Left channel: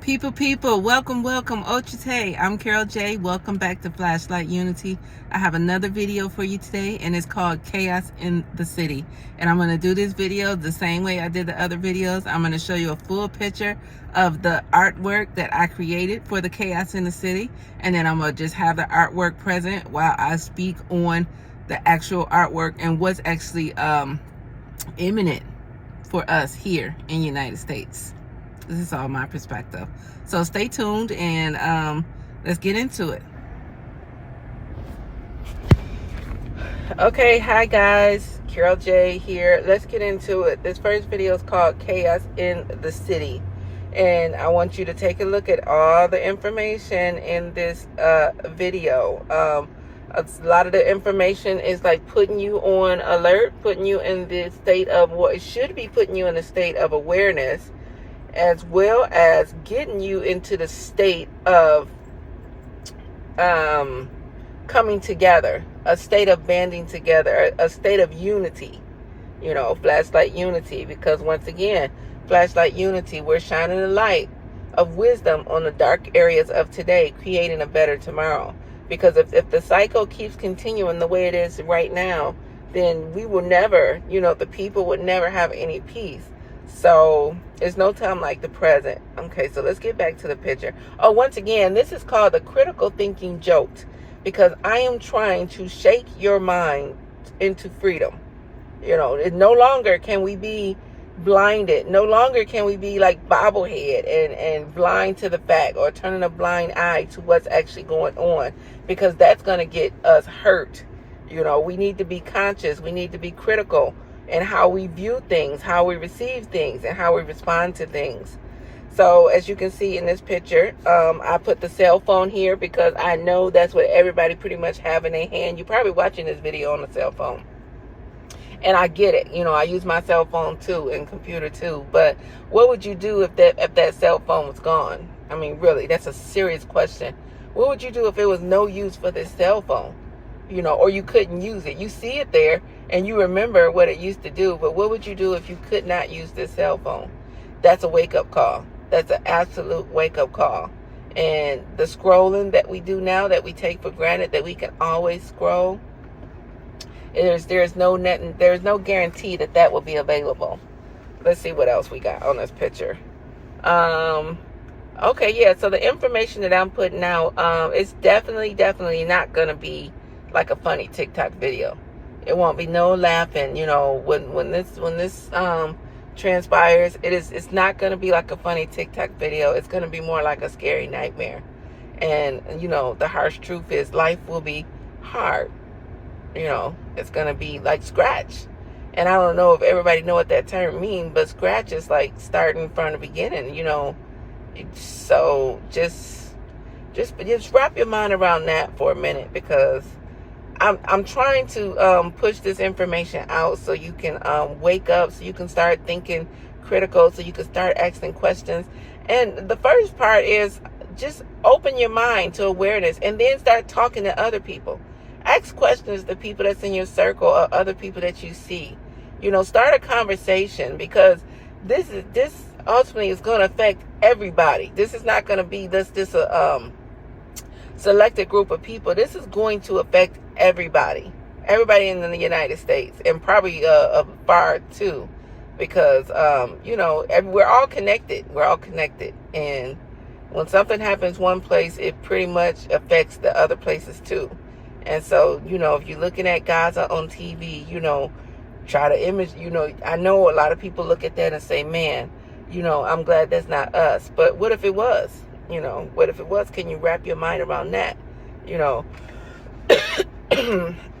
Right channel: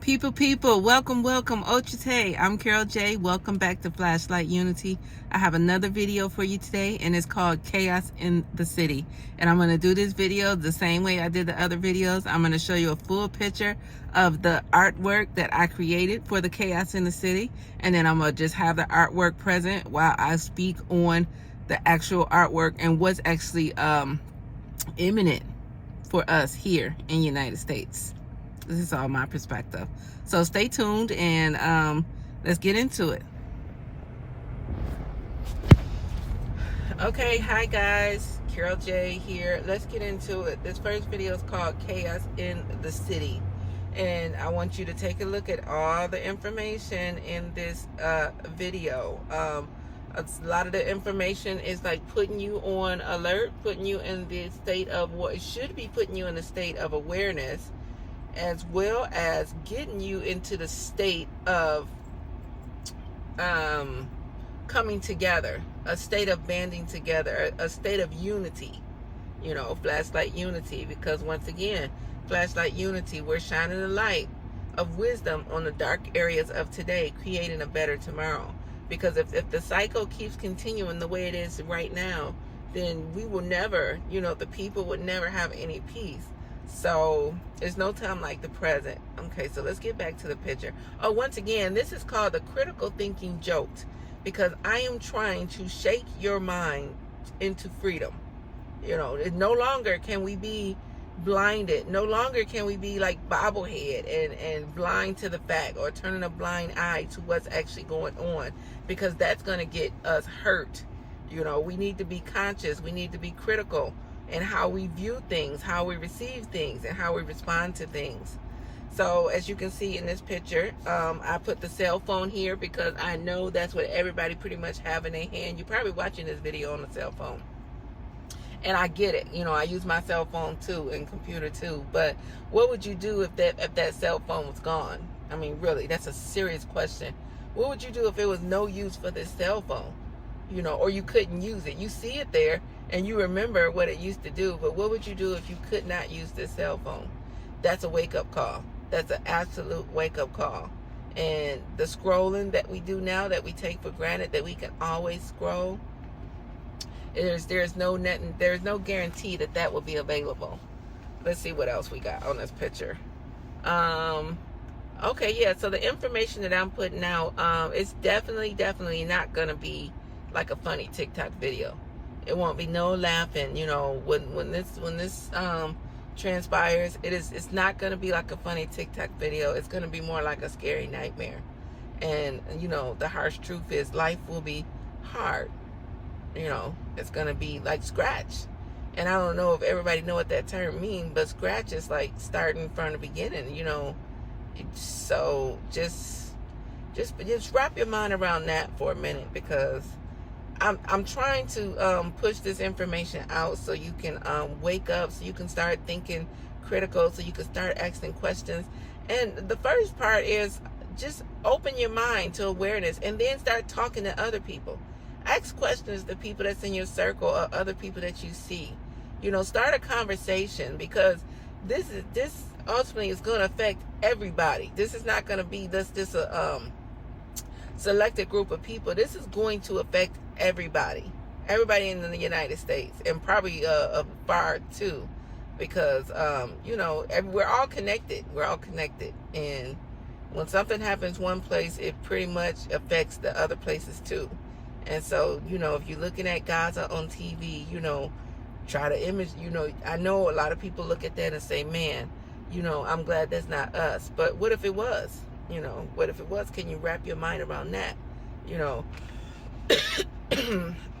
People, welcome, Ochite. I'm Carol J. Welcome back to Flashlight Unity. I have another video for you today, and it's called Chaos in the City. And I'm going to do this video the same way I did the other videos. I'm going to show you a full picture of the artwork that I created for the Chaos in the City. And then I'm going to just have the artwork present while I speak on the actual artwork and what's actually imminent for us here in the United States. This is all my perspective. So stay tuned and let's get into it. Okay, hi guys, Carol J here. Let's get into it. This first video is called Chaos in the City. And I want you to take a look at all the information in this video. A lot of the information is like putting you on alert, putting you in the state of what it should be, putting you in a state of awareness, as well as getting you into the state of coming together, a state of banding together, a state of unity, flashlight unity. Because once again, flashlight unity, we're shining a light of wisdom on the dark areas of today, creating a better tomorrow. Because if the cycle keeps continuing the way it is right now, then we will never, the people would never have any peace. So there's no time like the present. Okay, so let's get back to the picture. Oh, once again, this is called the critical thinking jolt, because I am trying to shake your mind into freedom. No longer can we be blinded. No longer can we be like bobblehead and blind to the fact, or turning a blind eye to what's actually going on, because that's going to get us hurt. We need to be conscious. We need to be critical in how we view things, how we receive things, and how we respond to things. So as you can see in this picture, I put the cell phone here because I know that's what everybody pretty much have in their hand. You're probably watching this video on a cell phone. And I get it. I use my cell phone too and computer too. But what would you do if that cell phone was gone? I mean, really, that's a serious question. What would you do if it was no use for this cell phone? Or you couldn't use it. You see it there and you remember what it used to do, but what would you do if you could not use this cell phone? That's a wake-up call. That's an absolute wake-up call. And the scrolling that we do now, that we take for granted, that we can always scroll, there's no guarantee that will be available. Let's see what else we got on this picture. Okay, yeah, so the information that I'm putting out, it's definitely not gonna be like a funny TikTok video. It won't be no laughing. When this transpires, it's not going to be like a funny TikTok video. It's going to be more like a scary nightmare. And the harsh truth is life will be hard. It's going to be like scratch. And I don't know if everybody know what that term means, but scratch is like starting from the beginning. So just wrap your mind around that for a minute, because I'm trying to push this information out so you can wake up, so you can start thinking critical, so you can start asking questions. And the first part is just open your mind to awareness, and then start talking to other people. Ask questions to people that's in your circle or other people that you see. Start a conversation, because this ultimately is going to affect everybody. This is not going to be just a selected group of people. This is going to affect everybody in the United States, and probably far too, because we're all connected. And when something happens one place, it pretty much affects the other places too. And so if you're looking at Gaza on TV, try to image. I know a lot of people look at that and say, man, I'm glad that's not us. But what if it was? What if it was? Can you wrap your mind around that?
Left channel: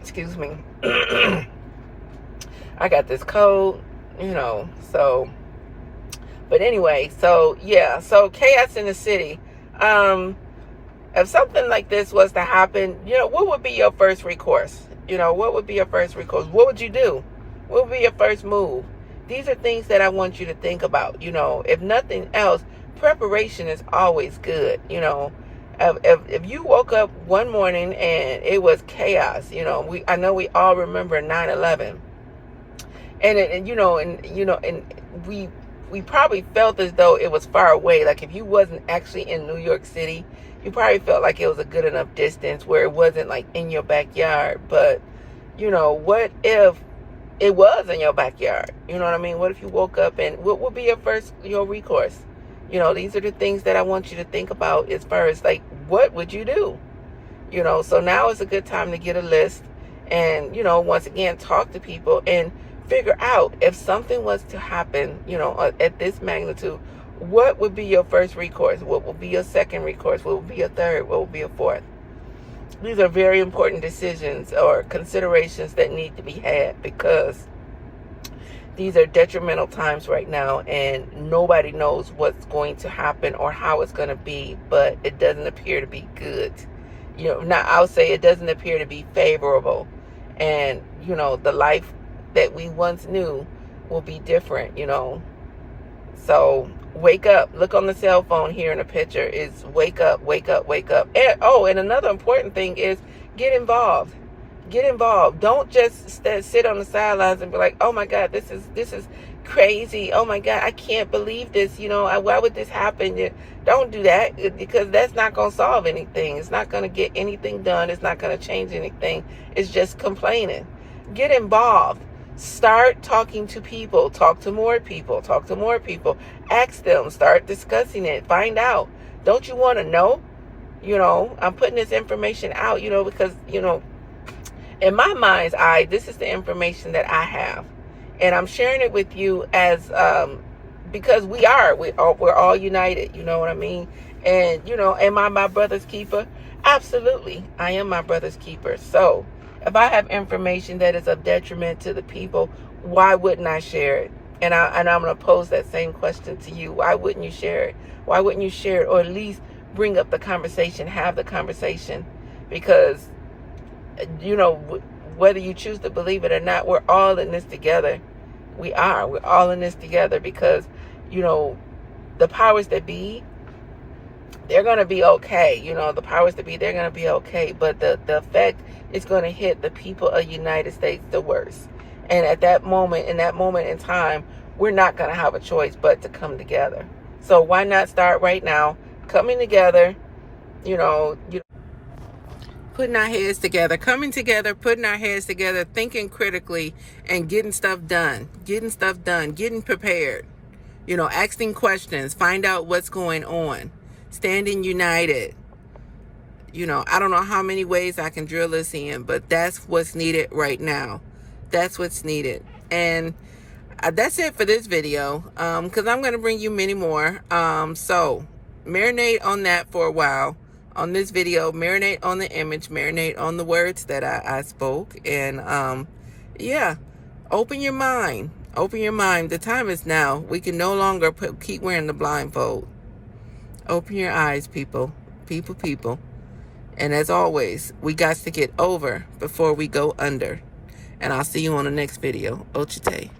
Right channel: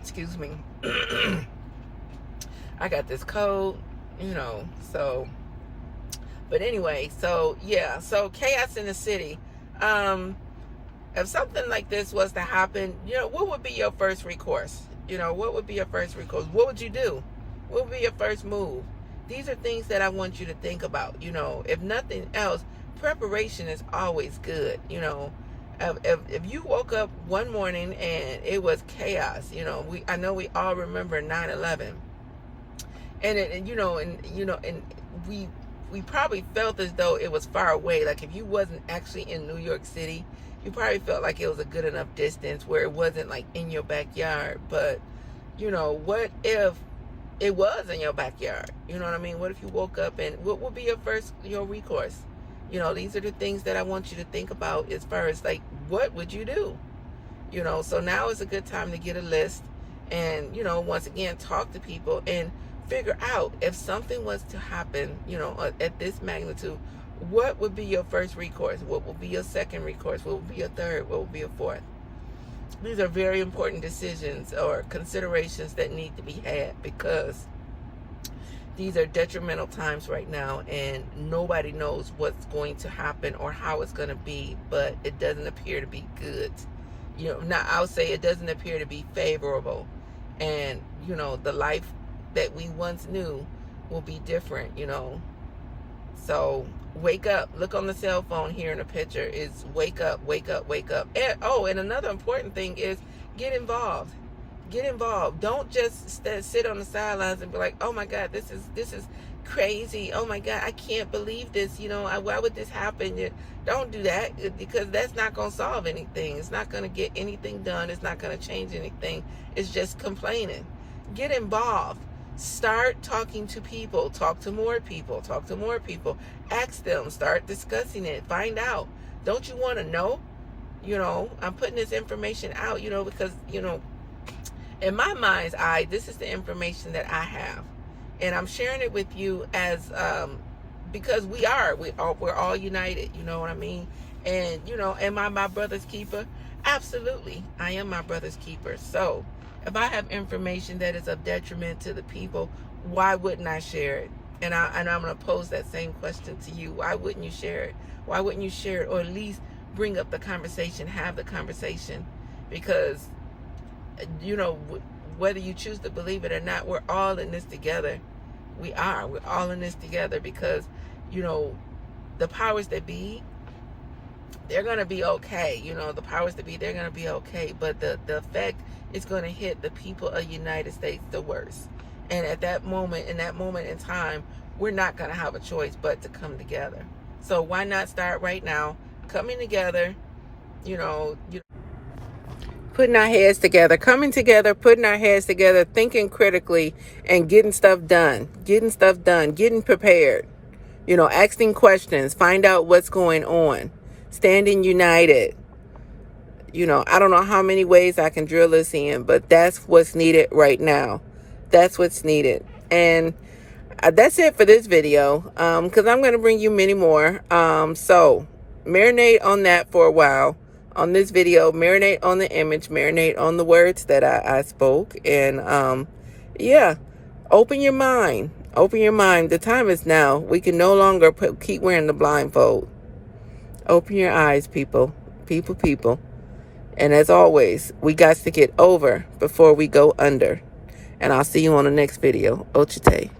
Excuse me. I got this cold, so. But anyway, so yeah, so chaos in the city. If something like this was to happen, what would be your first recourse? What would be your first recourse? What would you do? What would be your first move? These are things that I want you to think about. If nothing else, preparation is always good. If you woke up one morning and it was chaos, I know we all remember 9/11, and we we probably felt as though it was far away. Like if you wasn't actually in New York City, you probably felt like it was a good enough distance where it wasn't like in your backyard. But, you know, what if it was in your backyard? You know what I mean? What if you woke up and what would be your recourse? You know, these are the things that I want you to think about as far as like, what would you do? You know, so now is a good time to get a list and, you know, once again, talk to people and figure out if something was to happen, you know, at this magnitude, what would be your first recourse? What will be your second recourse? What will be your third? What will be your fourth? These are very important decisions or considerations that need to be had, because these are detrimental times right now and nobody knows what's going to happen or how it's going to be, but it doesn't appear to be good. You know, now I'll say it doesn't appear to be favorable. And, you know, the life that we once knew will be different, you know. So wake up. Look on the cell phone here in a picture. Is wake up, wake up, wake up. And, oh, and another important thing is get involved. Get involved. Don't just sit on the sidelines and be like, oh my God, this is crazy. Oh my God, I can't believe this. You know, why would this happen? Don't do that, because that's not going to solve anything. It's not going to get anything done. It's not going to change anything. It's just complaining. Get involved. Start talking to people. Talk to more people. Talk to more people. Ask them. Start discussing it. Find out. Don't you want to know? You know, I'm putting this information out, you know, because, you know, in my mind's eye, this is the information that I have. And I'm sharing it with you as, because we're all united, you know what I mean? And, you know, am I my brother's keeper? Absolutely. I am my brother's keeper. So if I have information that is of detriment to the people, why wouldn't I share it? And I'm going to pose that same question to you. Why wouldn't you share it? Why wouldn't you share it? Or at least bring up the conversation, have the conversation? Because, you know, whether you choose to believe it or not, we're all in this together. We're all in this together, because, you know, the powers that be, they're going to be okay. You know, the powers that be, they're going to be okay. But the effect is going to hit the people of the United States the worst. And at that moment, in time, we're not going to have a choice but to come together. So why not start right now, coming together, you know, putting our heads together, coming together, putting our heads together, thinking critically, and getting stuff done, getting prepared, you know, asking questions, find out what's going on, standing united. You know, I don't know how many ways I can drill this in, but that's what's needed right now. That's what's needed. And that's it for this video, because I'm going to bring you many more. So marinate on that for a while. On this video, marinate on the image, marinate on the words that I spoke. And yeah, open your mind. Open your mind. The time is now. We can no longer keep wearing the blindfold. Open your eyes, people. People. And as always, we got to get over before we go under. And I'll see you on the next video. Ochite.